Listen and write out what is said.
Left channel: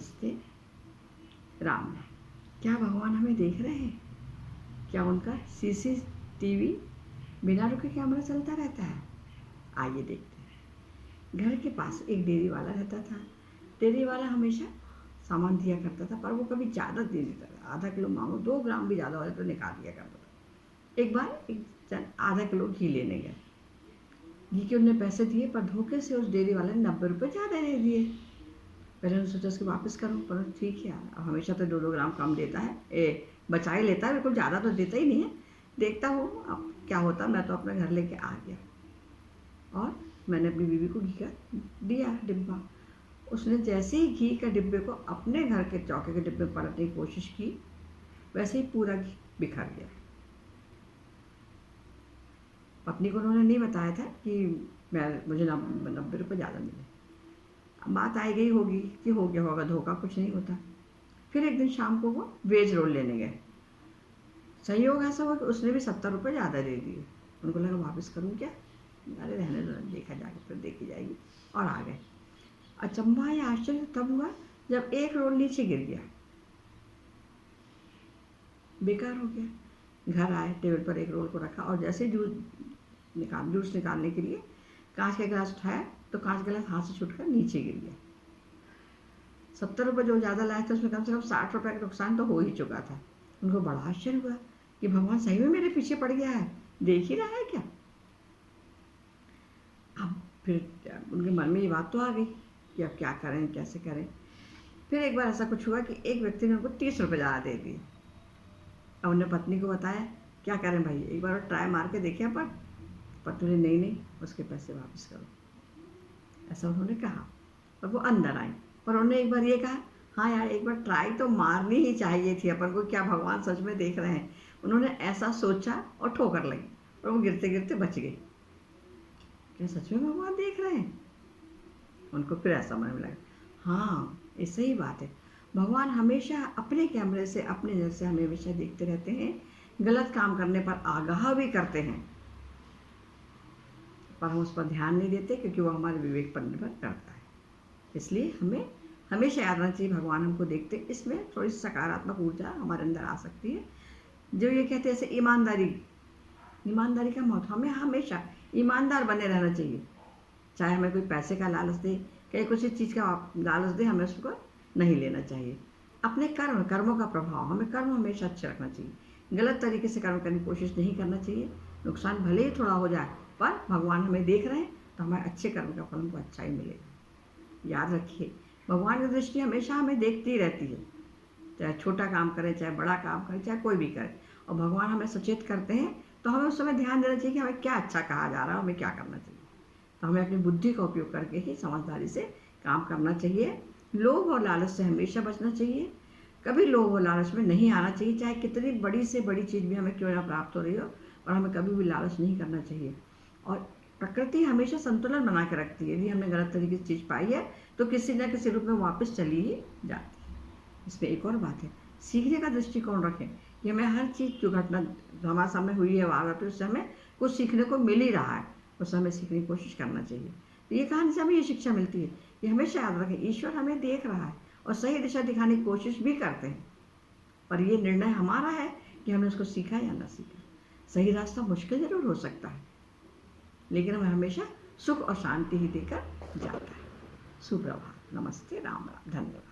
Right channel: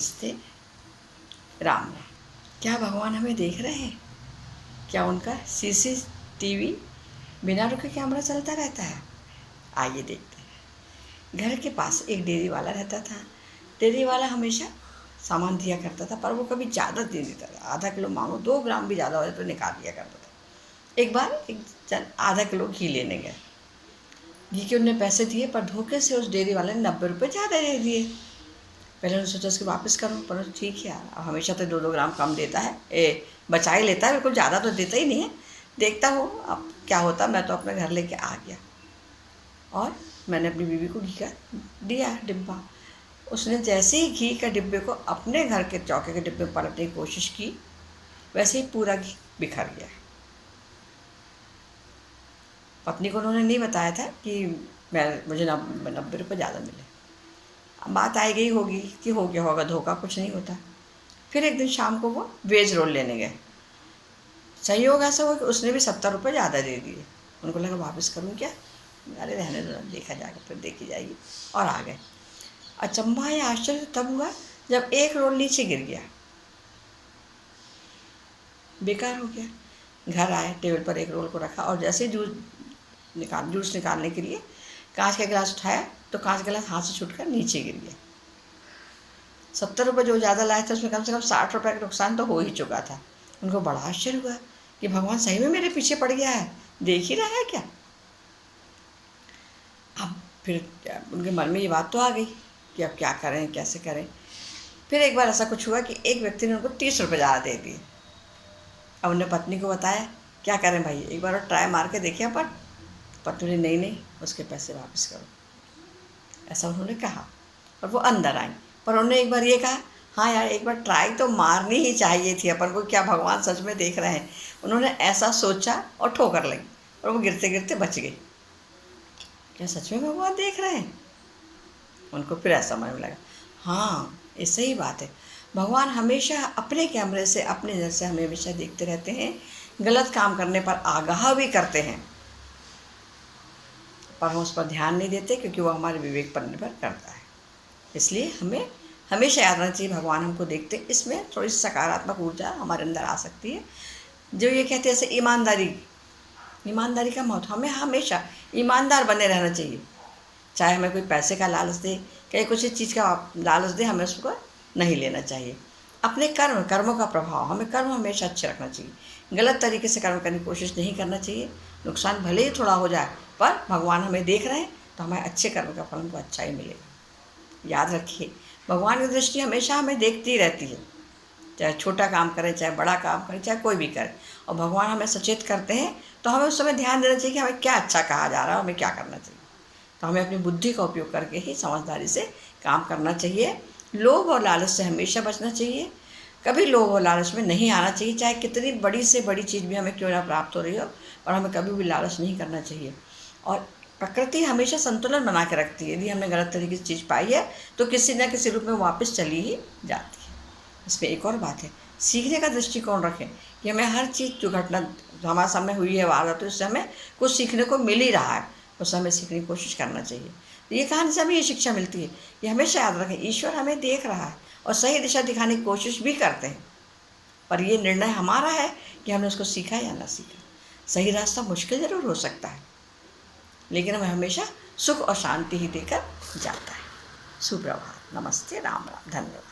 नमस्ते, राम राम। क्या भगवान हमें देख रहे हैं? क्या उनका सीसीटीवी बिना रुके कैमरा चलता रहता है? आइए देखते हैं। घर के पास एक डेयरी वाला रहता था। डेयरी वाला हमेशा सामान दिया करता था, पर वो कभी ज़्यादा दे देता था। आधा किलो मांगो, 2 ग्राम भी ज़्यादा हो जाए तो निकाल दिया करता था। एक बार एक जन आधा किलो घी लेने गए। घी के उन्हें पैसे दिए, पर धोखे से उस डेयरी वाले ने 90 रुपये ज़्यादा दे दिए। पहले उन्होंने सोचा इसको वापस करूँ, पर ठीक है यार, अब हमेशा तो 2-2 ग्राम कम देता है, बचा ही लेता है, बिल्कुल ज़्यादा तो देता ही नहीं है। देखता हूँ अब क्या होता। मैं तो अपने घर लेके आ गया और मैंने अपनी बीवी को घी का दिया डिब्बा। उसने जैसे ही घी का डिब्बे को अपने घर के चौके के डिब्बे में पलटने की कोशिश की, वैसे ही पूरा घी बिखर गया। पत्नी को उन्होंने नहीं बताया था कि मुझे 90 रुपये ज़्यादा मिले। अब बात आई गई होगी कि हो गया होगा धोखा, कुछ नहीं होता। फिर एक दिन शाम को वो वेज रोल लेने गए। संयोग ऐसा हुआ कि उसने भी 70 रुपये ज़्यादा दे दिए। उनको लगा वापस करूँ क्या, अरे रहने दो, देखा जाएगा, फिर देखी जाएगी, और आ गए। अचंभा या आश्चर्य तब हुआ जब एक रोल नीचे गिर गया, बेकार हो गया। घर आए, टेबल पर एक रोल को रखा और जैसे जूस निकालने के लिए कांच का गिलास उठाया तो कांच का गिलास हाथ से छूटकर नीचे गिर गया। 70 रुपये जो ज़्यादा लाए थे उसमें कम से कम 60 रुपये का नुकसान तो हो ही चुका था। उनको बड़ा आश्चर्य हुआ कि भगवान सही में मेरे पीछे पड़ गया है, देख ही रहा है क्या। अब फिर उनके मन में ये बात तो आ गई कि अब क्या करें, कैसे करें। फिर एक बार ऐसा कुछ हुआ कि एक व्यक्ति ने उनको 30 रुपये ज़्यादा दे दिए। अब उन्होंने पत्नी को बताया, क्या करें भाई, एक बार और ट्राई मार के देखिए। पर पत्नी ने नहीं, उसके पैसे वापस करो, ऐसा उन्होंने कहा। और वो अंदर आई, पर उन्होंने एक बार ये कहा, हाँ यार, एक बार ट्राई तो मारनी ही चाहिए थी अपन को, क्या भगवान सच में देख रहे हैं। उन्होंने ऐसा सोचा और ठोकर लगी और वो गिरते गिरते बच गई। क्या सच में भगवान देख रहे हैं? उनको फिर ऐसा मन में लगा, हाँ ये सही बात है, भगवान हमेशा अपने कैमरे से, अपने नज़र से हमें हमेशा देखते रहते हैं। गलत काम करने पर आगाह भी करते हैं, पर हम उस पर ध्यान नहीं देते क्योंकि वो हमारे विवेक पर निर्भर करता है। इसलिए हमें हमेशा याद रखना चाहिए, भगवान हमको देखते। इसमें थोड़ी सी सकारात्मक ऊर्जा हमारे अंदर आ सकती है, जो ये कहते हैं जैसे ईमानदारी का महत्व। हमें हमेशा ईमानदार बने रहना चाहिए। चाहे हमें कोई पैसे का लालच दे, कहीं कुछ चीज़ का लालच दे, हमें उसको नहीं लेना चाहिए। अपने कर्मों का प्रभाव, हमें कर्म हमेशा अच्छे रखना चाहिए। गलत तरीके से कर्म करने की कोशिश नहीं करना चाहिए। नुकसान भले ही थोड़ा हो जाए, पर भगवान हमें देख रहे हैं तो हमारे अच्छे कर्म का फल हमको अच्छा ही मिलेगा। याद रखिए, भगवान की दृष्टि हमेशा हमें देखती रहती है, चाहे छोटा काम करें, चाहे बड़ा काम करें, चाहे कोई भी करे। और भगवान हमें सचेत करते हैं तो हमें उस समय ध्यान देना चाहिए कि हमें क्या अच्छा कहा जा रहा है, हमें क्या करना चाहिए। तो हमें अपनी बुद्धि का उपयोग करके ही समझदारी से काम करना चाहिए। लोभ और लालच से हमेशा बचना चाहिए। कभी लोभ और लालच में नहीं आना चाहिए, चाहे कितनी बड़ी से बड़ी चीज़ भी हमें क्यों ना प्राप्त हो रही हो, और हमें कभी भी लालच नहीं करना चाहिए। और प्रकृति हमेशा संतुलन बना के रखती है। यदि हमने गलत तरीके से चीज़ पाई है तो किसी न किसी रूप में वापस चली ही जाती है। इसमें एक और बात है, सीखने का दृष्टिकोण रखें कि हमें हर चीज़, जो घटना हमारे सामने हुई है वारदात, उससे हमें कुछ सीखने को मिल ही रहा है, उससे हमें सीखने की कोशिश करना चाहिए। तो ये कहानी से हमें ये शिक्षा मिलती है, ये हमेशा याद रखें, ईश्वर हमें देख रहा है और सही दिशा दिखाने की कोशिश भी करते हैं, पर ये निर्णय हमारा है कि हमने उसको सीखा या ना सीखा। सही रास्ता मुश्किल ज़रूर हो सकता है, लेकिन हमें हमेशा सुख और शांति ही देकर जाता है। सुप्रभात, नमस्ते, राम राम, धन्यवाद।